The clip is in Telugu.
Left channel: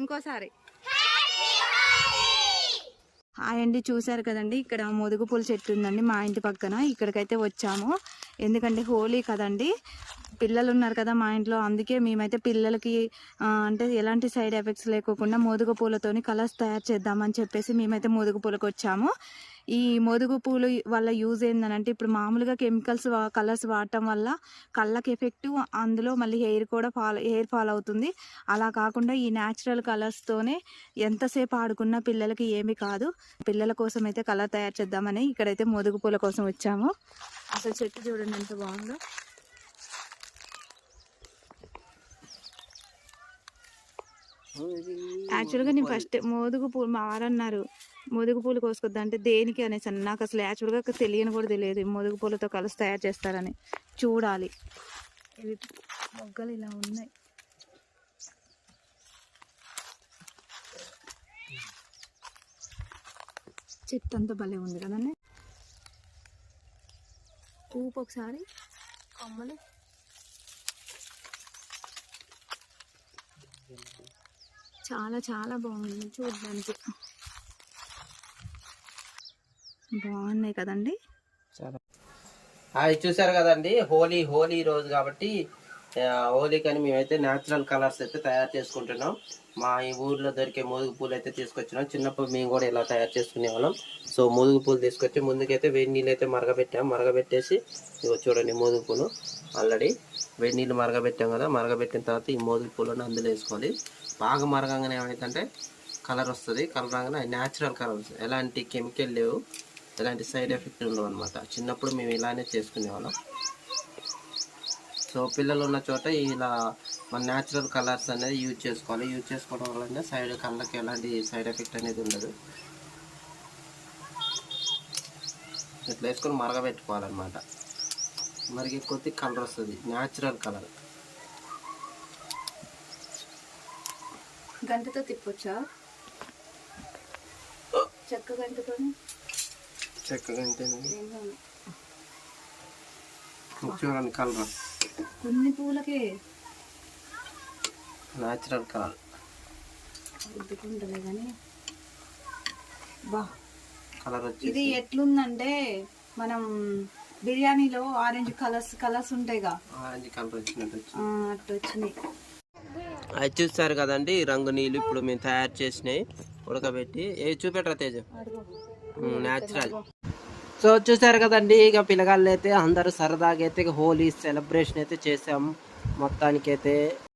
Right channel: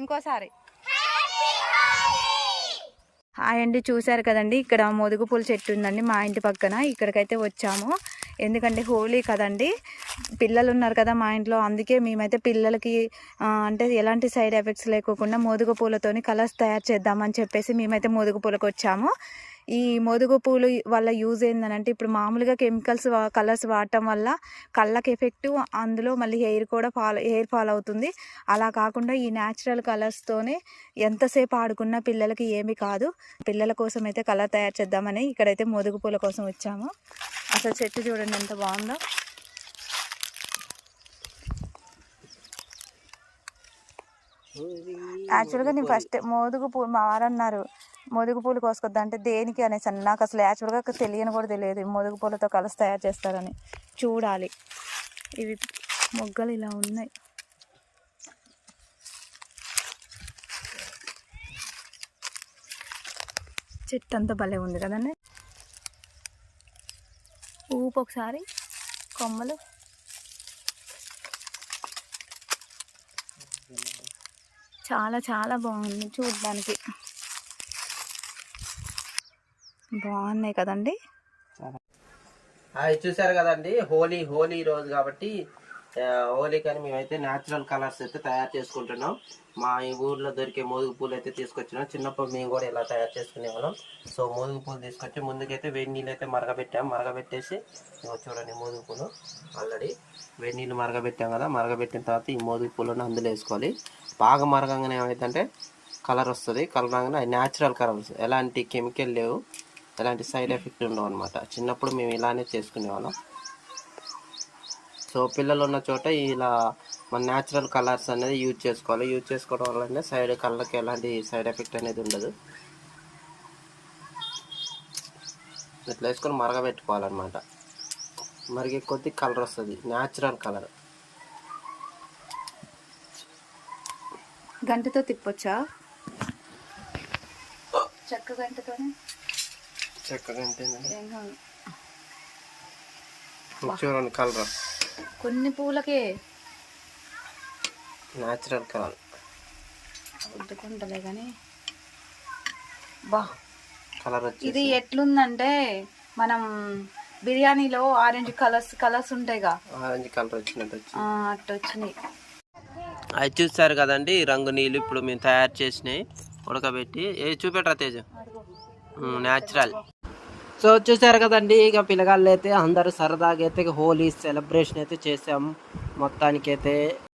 ఇంకోసారి హాయ్ అండి. చూసారు కదండి, ఇక్కడ మోదుగు పూల చెట్టు ఉందండి మా ఇంటి పక్కన. ఇక్కడికైతే వచ్చాము ఎందుకంటే హోలీ కదండి, పిల్లలు ఉన్నారు కదా మా ఇంట్లో. అందుకే మేమైతే పిల్లలకి అంటే ఎలాంటి సైడ్ ఎఫెక్ట్స్ లేకోకుండా మోదుగు పూలతోని కలర్స్ తయారు చేద్దామని చెప్పేసి మేమైతే మోదుగు పూలకు వచ్చాము. ఈ మోదుగు పూలు వల్ల యూజ్ ఏంటంటే, ఇప్పుడు మామూలుగా కెమికల్స్ కలర్స్ వాడటం వల్ల కళ్ళకి ఎఫెక్ట్, అందులో మళ్ళీ హెయిర్ ఫాల్ అవుతుంది. అలా కాకుండా ఈ న్యాచురల్ కలర్స్తోనే ఎంతసేపు ఆడుకున్నా పిల్లలకి ఏమీ కాదు. పిల్లల కోసం అయితే కలర్ తయారు చేద్దామని ఇక్కడైతే మోదుగు పూల కోసం వచ్చాము. అసలు చెట్టు చూడండి ఎంత బాగుందో. యాక్చువల్గా నేను ఫస్ట్ మోదుగు పూలు, మా వారు అన్నారు మోదుగు పూలు కోసుకొద్దా అంటే దేనికి అనేసి. నాకు అసలు యాక్చువల్గా తెలియని కూడా తెలియదు మోదుగు పూలతో కలర్స్ తయారు చేస్తారని. చూడాలి. ఇవి మొగ్గలు ఇలా ఉన్నాయి. చెట్టు అంతా భలే ఉంది కదండి. ఊపు ఒకసారి కొమ్మలు. చాలా చాలా బాగుంది చూడడానికి. బాగున్నాయి కదండి. అది చూసారు కదండి, హోలీ రోజు కాబట్టి హోలీకని మేమైతే న్యాచురల్ కలర్స్ అయితే తయారు చేసుకుంటున్నాం. మా ఈ ఊర్లో దొరికే మోదుగు పూలు అయితే తీసుకొచ్చినాం. చిన్నప్పుడు మేము కూడా ఇలా తయారు చేసుకునేవాళ్ళం. సో మోదుగు పూలు తీసుకొచ్చి ముందుకైతే వేడి నీళ్ళు అయితే మరగబెట్టేసి చూడండి మోదుగు పూలు ఆల్రెడీ వేడి నీళ్ళు మరగబెట్టాం కదా. మరగబెట్టిన తర్వాత ఈ మోదుగు పూలను అందులో వేసుకోవాలి. బాగా మరగంగానే ఏమైతే కలర్ వస్తుంది. కలర్ రాగానే అది న్యాచురల్ కలర్ వస్తుంది. ఎలాంటి కెమికల్ లేవు, ఎలాంటి సైడ్ ఎఫెక్ట్ ఉండవు అనమాట. చిన్నప్పుడు మేము ఇలానే చేసుకునేవాళ్ళం. సో పిల్లలు ఉన్న చోట ఇలా మన న్యాచురల్ కలర్స్ అనేది యూజ్ చేసుకోవాలి. యూజ్ చేసుకోవడం వల్ల కళ్ళకి ఎలాంటి సైడ్ ఎఫెక్ట్ అనేది ఉండదు. ఇట్లా వేసుకొని మరగబెట్టుకోవాలన్నమాట. మరిగే కొద్ది కలర్ వస్తుంది, న్యాచురల్ కలర్. గంటతో తిప్పొచ్చా? చెక్క గంటతో చూడండి కలర్. కొన్ని పూలకే న్యాచురల్ కలర్ ఉద్దుకుంటలే కానీ బా కలర్ వచ్చి ఇది ఎట్లుందంటే మనం బిర్యానీలో ఆరెంజ్ కలర్స్ ఉంటాయిగా, ఆరెంజ్ కలర్ వచ్చినట్టు అట్లా వచ్చినాయి. అది చూస్తారు కదండి, రంగు నీళ్ళు ఇప్పుడు మేము తయారు చేసినాయి ఉడకబెట్టి. చూపెట్టరా తేజ, న్యాచురల్. సో చూసారు కదండి, ఇక పిల్లగాళ్ళు అయితే అందరూ సరదాగా అయితే హోలీ సెలబ్రేషన్ అయితే చేసాం మొత్తానికైతే.